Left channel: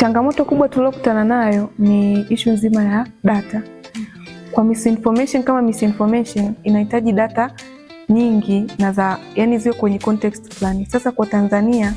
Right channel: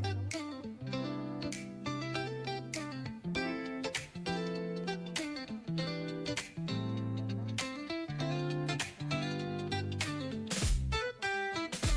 Changamoto kubwa tuliyokutana nayo ni issue nzima ya data. Kwa misinformation, kama misinformation inahitaji data nyingi na yani ziwe kwenye context fulani. Sasa kwa Tanzania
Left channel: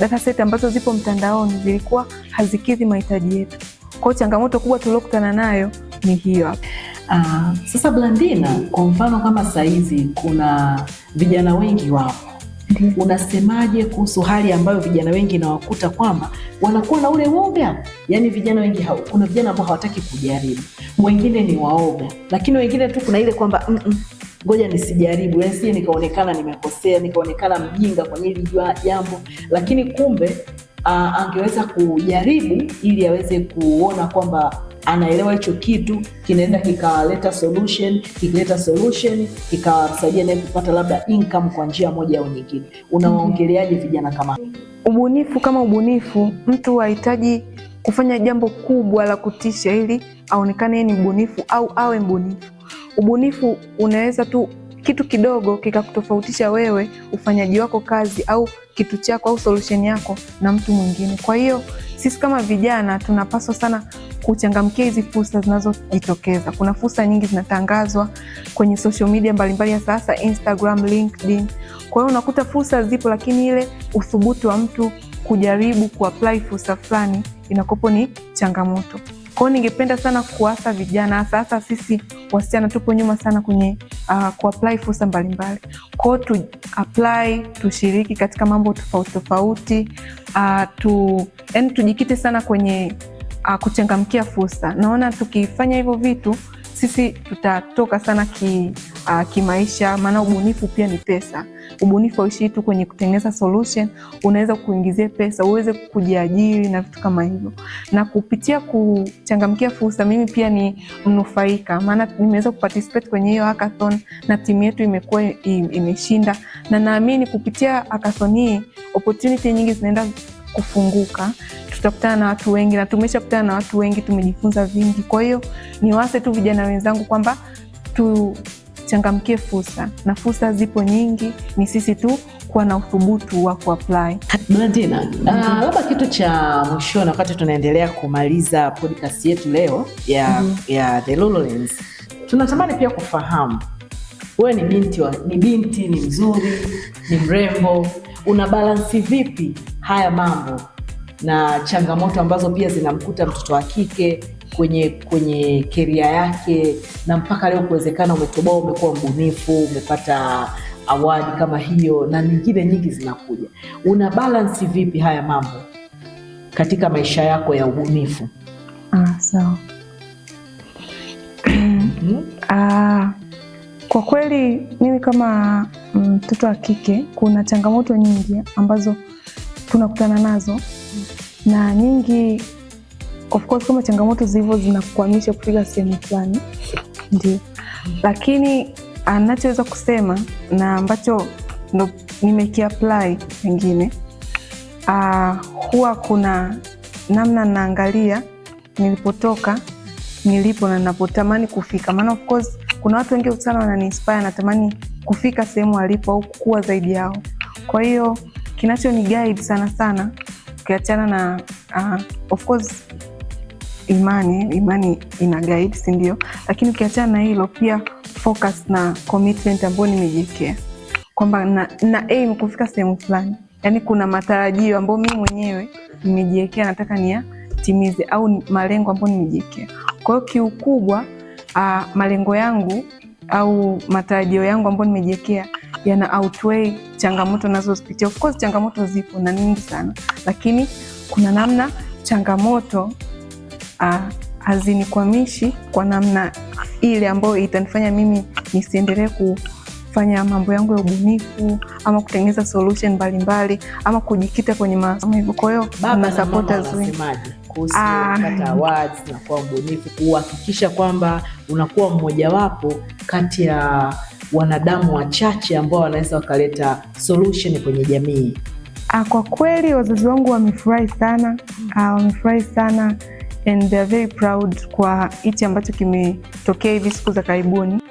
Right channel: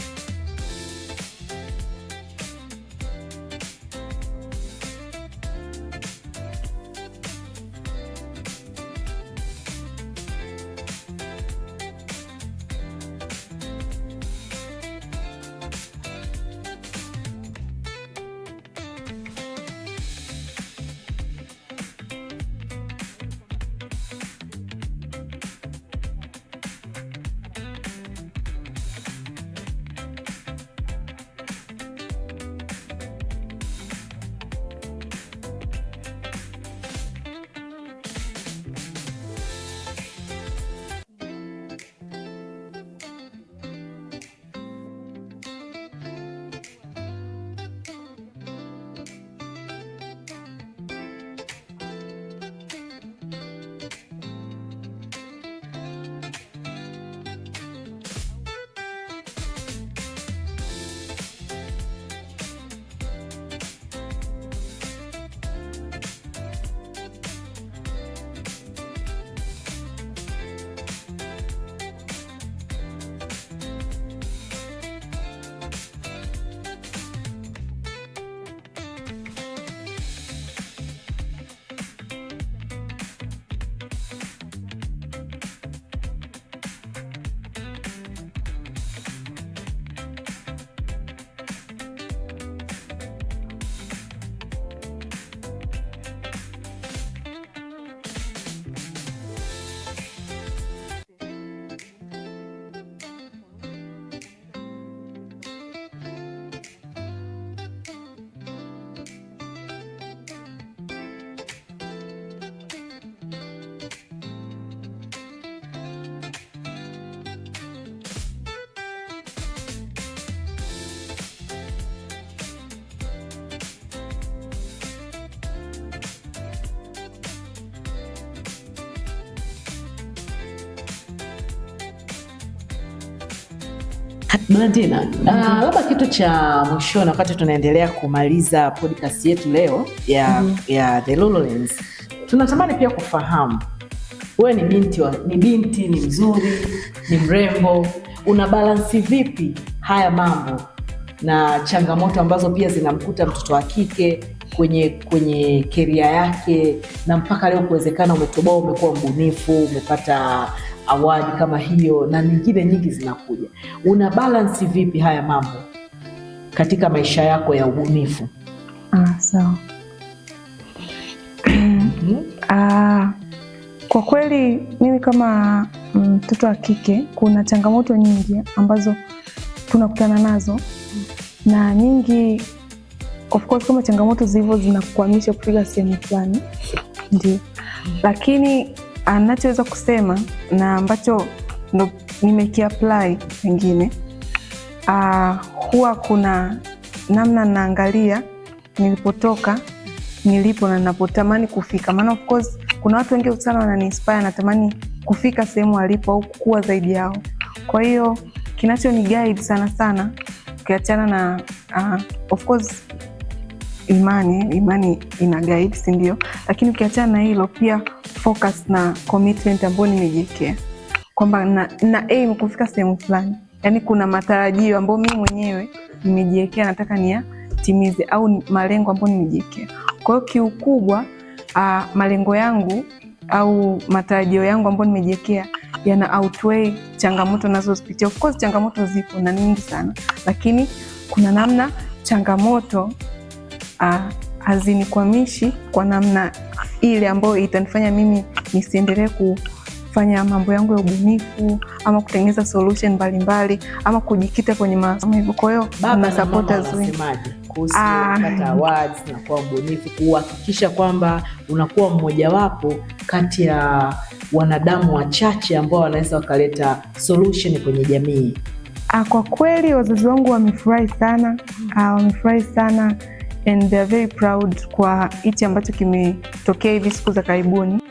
data set ambazo zipo mtandaoni zilikuwa hazikidhi mahitaji yetu. Kwa hiyo changamoto kubwa tuliyokutana nayo ni hiyo. Sasa Blandina, kwa mfano kama saizi kuna vijana wengi wapo. Unasemaje kuhusu hali ambayo vijana wengi nawakuta kwamba wanakuwa na ule woga? Yaani vijana wengi kuna vijana ambao hawataki kujaribu. Wengine ni waoga, lakini wengine tu kuna ile kwamba ngoja nisijaribu, yaani si nikaonekana nimekosea, nikaonekana mjinga kwenye hili jambo, lakini kumbe angeweza kujaribu ili aweze kuona kwamba anaelewa hicho kitu kinaenda kikaleta solution, kikileta solution kikawasaidia naye kupata labda income kwa njia moja au nyingine. Unawaongeleaje vijana kama ubunifu? Kama ubunifu, mtu hahitaji kufanya jambo kubwa la kutisha ili aonekane yeye ni mbunifu au awe mbunifu. Ubunifu unaweza tu kitu kidogo kikakutofautisha wewe, ufanyaji wako kazi au kitu chako au solution yako na mtu mwingine. Kwa hiyo sisi kama vijana tunapaswa sana kuchangamkia hizi fursa zinazojitokeza. Kuna fursa nyingi zinatangazwa kwenye social media mbalimbali ya sasa, Instagram, LinkedIn. Kwa hiyo unakuta fursa zipo, lakini ile uthubutu wa mtu kujaribu kuapply fursa fulani inakopo ni changamoto. Kwa hiyo ningependa sana kuasa vijana, sasa sisi wasichana tupo nyuma sana kwenye kuapply fursa mbalimbali. Kwa hiyo tu apply, tushiriki katika mambo tofauti tofauti, yani tujikite sana kwenye kuchangamkia fursa. Naona tukifanya hivyo vitu sisi tutatoka sana kimaisha, maana ubunifu pia ni pesa. Ubunifu hauishi tu kwenye kutengeneza solution, unaweza kuingizia pesa, uweze kujiajiri na vitu kama hivyo. Na kupitia kuchangamkia fursa mimi pia ni mnufaika, maana nimeweza kuparticipate kwenye hiyo hackathon na timu yetu imekuwa imeshinda, na naamini kupitia hackathon hii opportunity nyingi zinaenda kufunguka. Tutakutana na watu wengi na tumeshakutana na watu wengi, tumejifunza vingi. Kwa hiyo niwaase tu vijana wenzangu kwamba tuchangamkie fursa, na fursa zipo nyingi, ni sisi tu kuwa na uthubutu wa kuapply. Blandina, labda kitu cha mwisho wakati tunaendelea kumaliza podcast yetu leo ya The Lulu Lens, tunatamani pia kufahamu wewe ni binti, ni mzuri, ni mrembo, una balance vipi haya mambo na changamoto ambazo pia zinamkuta mtoto wa kike kwenye career yake, na mpaka leo kuwezekana umetoboa, umekuwa mbunifu, umepata award kama hiyo na nyingine nyingi zinakuja. Una balance vipi haya mambo katika maisha yako ya ubunifu? Sawa. Kwa kweli mimi kama mtoto wa kike kuna changamoto nyingi ambazo tunakutana nazo, na nyingi of course kama changamoto zilivyo zinakukwamisha kufika sehemu fulani, ndio. Lakini anachoweza kusema na ambacho ndo nimekiapply pengine, huwa kuna namna naangalia nilipotoka, nilipo na ninapotamani kufika. Maana of course kuna watu wengi sana wanani-inspire, natamani kufika sehemu walipo au kukua zaidi yao. Kwa hiyo kinacho ni guide sana ukiachana na of course imani ina guide, si ndio? Lakini ukiachana na hilo pia focus na commitment ambayo nimejiwekea kwamba na aim kufika sehemu fulani. Yaani kuna matarajio ambayo mimi mwenyewe nimejiwekea, nataka niyatimize, au malengo ambayo nimejiwekea. Kwa hiyo kiukubwa malengo yangu au matarajio yangu ambayo nimejiwekea yana outweigh changamoto nazozipitia. Of course changamoto zipo na nyingi sana, lakini kuna namna changamoto hazinikwamishi kwa namna ile ambayo itanifanya mimi nisiendelee kufanya mambo yangu ya ubunifu ama kutengeneza solution mbalimbali ama kujikita kwenye masomo hivyo. Kwa hiyo na supporters wengi kuhusu kupata awards na kuwa mbunifu, kuhakikisha kwamba unakuwa mmoja wapo kati ya wanadamu wachache ambao wanaweza wakaleta solution kwenye jamii. Kwa kweli wazazi wangu wamefurahi sana and they are very proud kwa hichi ambacho kimetokea hivi siku za karibuni.